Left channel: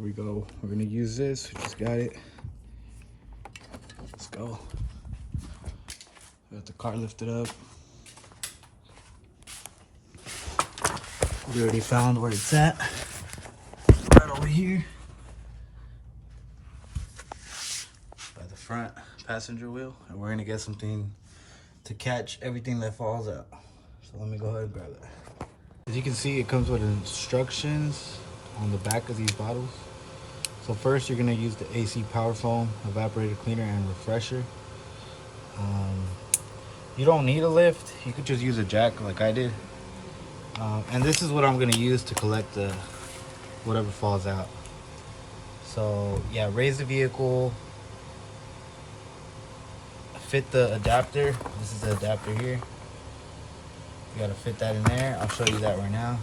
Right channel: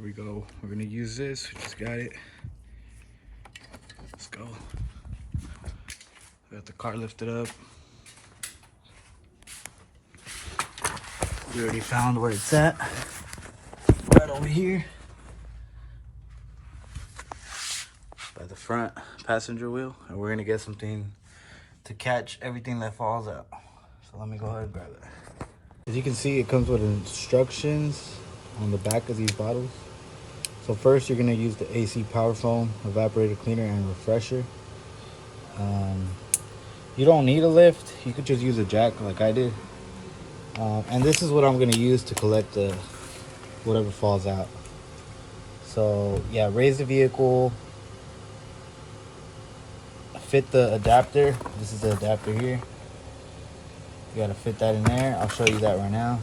Here we go. We're gonna use this. We just got it. Let's go. Got the car lifted up. We already found where it's at. Right over here. By the front passenger wheel. And we're gonna get something to catch everything that falls out. So let me go ahead and grab it. As you can see, it comes with instructions on the back of these bottles. So first you're gonna use the AC power foam, evaporator cleaner, and refresher. You don't need a lift. You could just use a jack like I did. And this is what I'm gonna use to collect the whatever falls out. So yeah, raise the vehicle, fit the adapter. This is the adapter here. You gotta fit that in there. I'll show you that right now.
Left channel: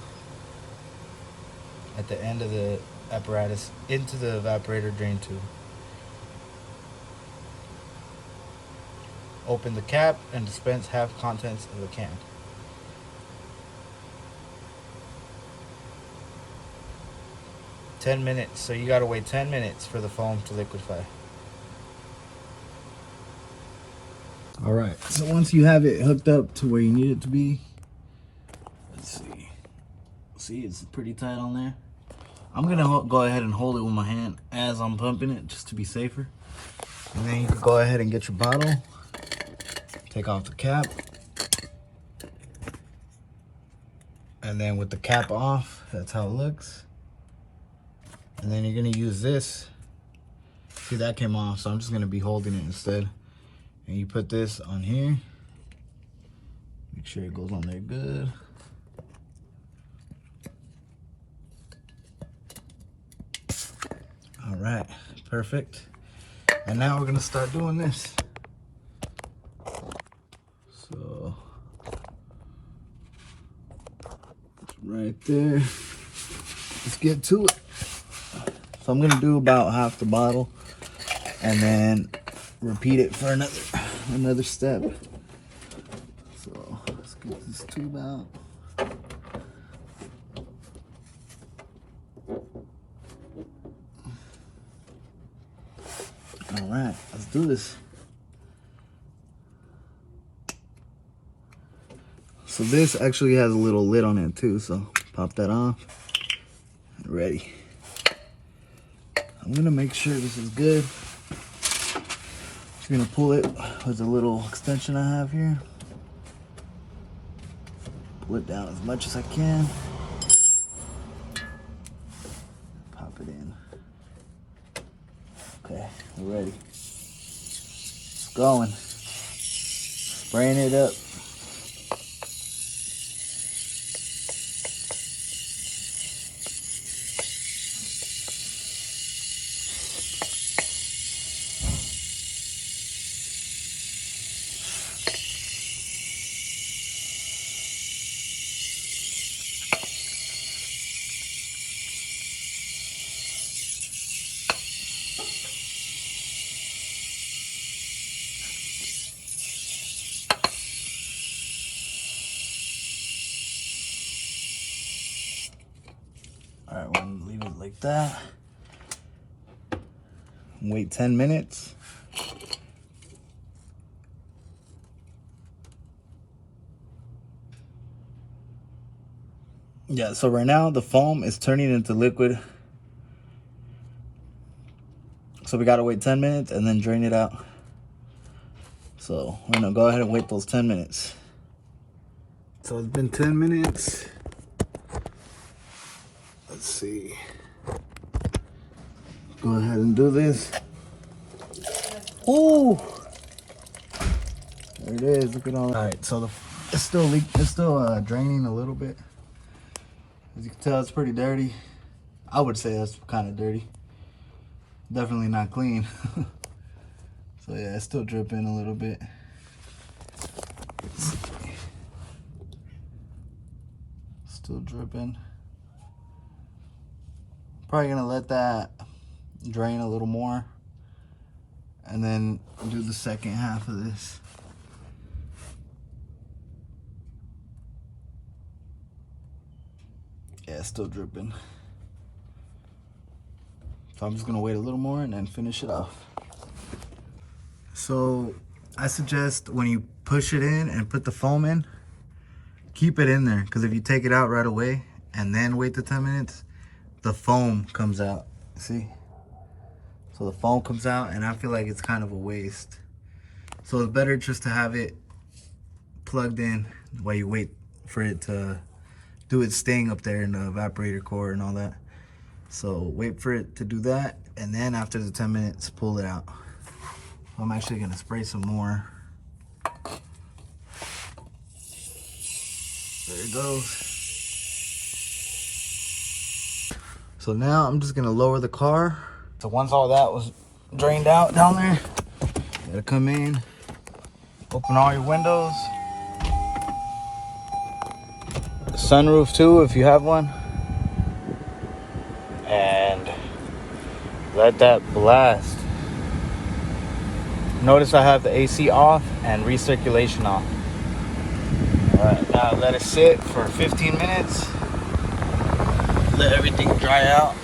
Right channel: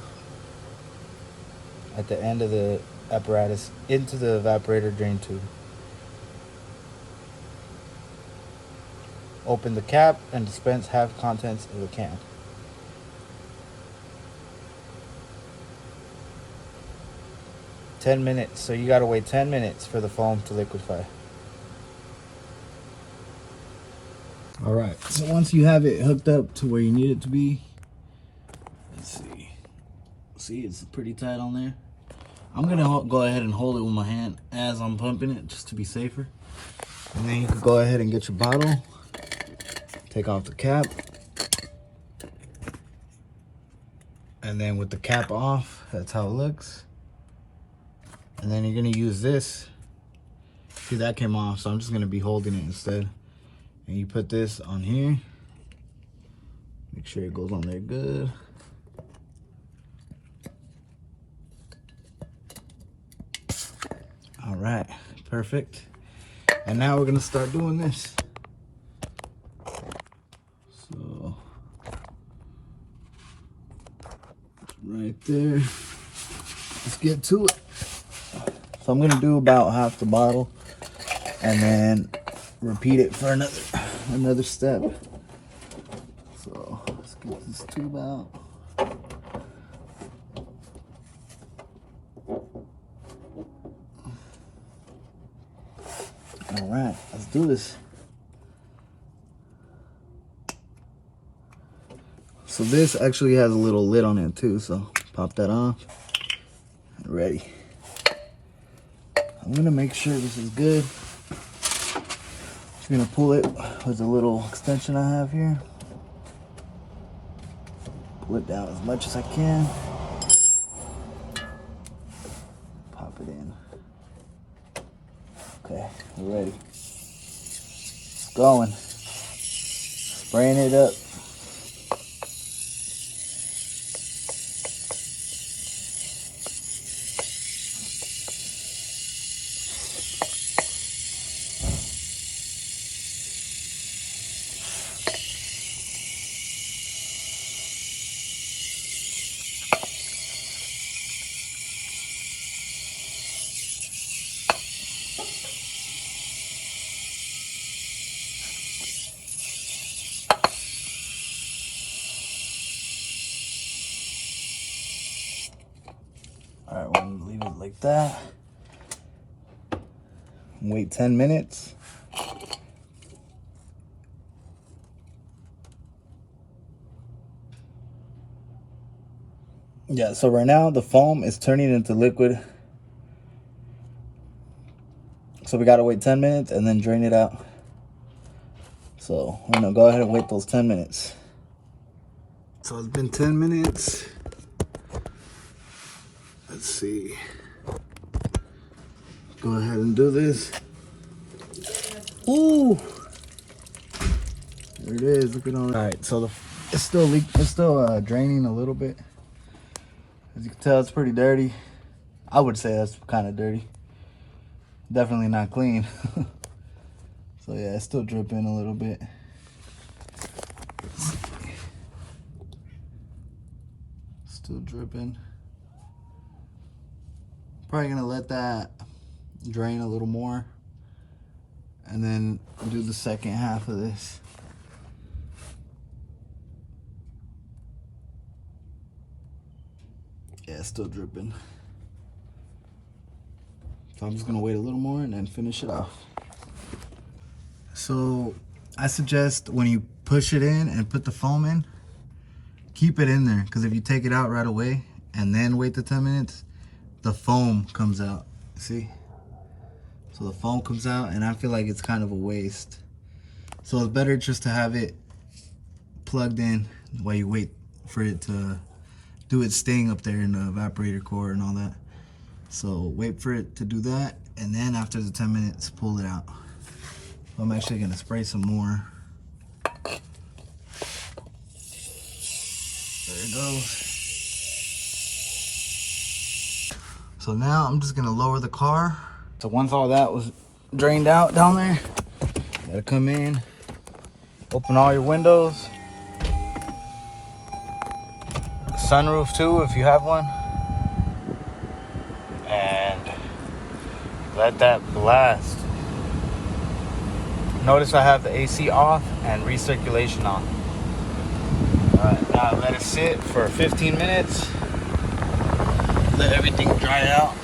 At the end of the apparatus into the evaporator drain tube. Open the cap and dispense half contents of the can. $10, so you gotta wait 10 minutes for the foam to liquefy. All right, so once you have it hooked up to where you need it to be, let's see. See, it's pretty tight on there. I'm gonna go ahead and hold it with my hand as I'm pumping it, just to be safer. And then you can go ahead and get your bottle, take off the cap, and then with the cap off, that's how it looks. And then you're gonna use this. See, that came off, so I'm just gonna be holding it instead. And you put this on here. Make sure it goes on there good. All right, perfect. And now we're gonna start doing this. So, it's right there. Let's get to it. So I'm gonna do about half the bottle and then repeat it for another step. So let's get this tube out. All right, let's do this. So this actually has a little lid on it too, so pop that off. Ready. I'm gonna make sure this is good. Just gonna pull it with a little extension I have here. Pull it down as much as I can. Pop it in. Okay, we're ready. It's going. Spraying it up. All right, we're gonna leave it like that. Wait 10 minutes. Yeah, so right now the foam is turning into liquid. So we gotta wait 10 minutes and then drain it out. So we're gonna go ahead and wait those 10 minutes. So it's been 10 minutes. Let's see. Go ahead and do this. Ooh! There it is, look at all that. All right, so it's still draining a little bit. As you can tell, it's pretty dirty. I would say that's kind of dirty. Definitely not clean. So yeah, it's still dripping a little bit. Still dripping. Probably gonna let that drain a little more and then do the second half of this. Yeah, it's still dripping. So I'm just gonna wait a little more and then finish it off. So I suggest when you push it in and put the foam in, keep it in there, because if you take it out right away and then wait the 10 minutes, the foam comes out. See? So the foam comes out, and I feel like it's kind of a waste. So it's better just to have it plugged in while you wait for it to do its thing up there in the evaporator core and all that. So wait for it to do that, and then after the 10 minutes, pull it out. So I'm actually gonna spray some more. There it goes. So now I'm just gonna lower the car. So once all that was drained out down there, you gotta come in, open all your windows. The sunroof too, if you have one. And let that blast. Notice I have the AC off and recirculation on. Alright, now let it sit for 15 minutes. Let everything dry out.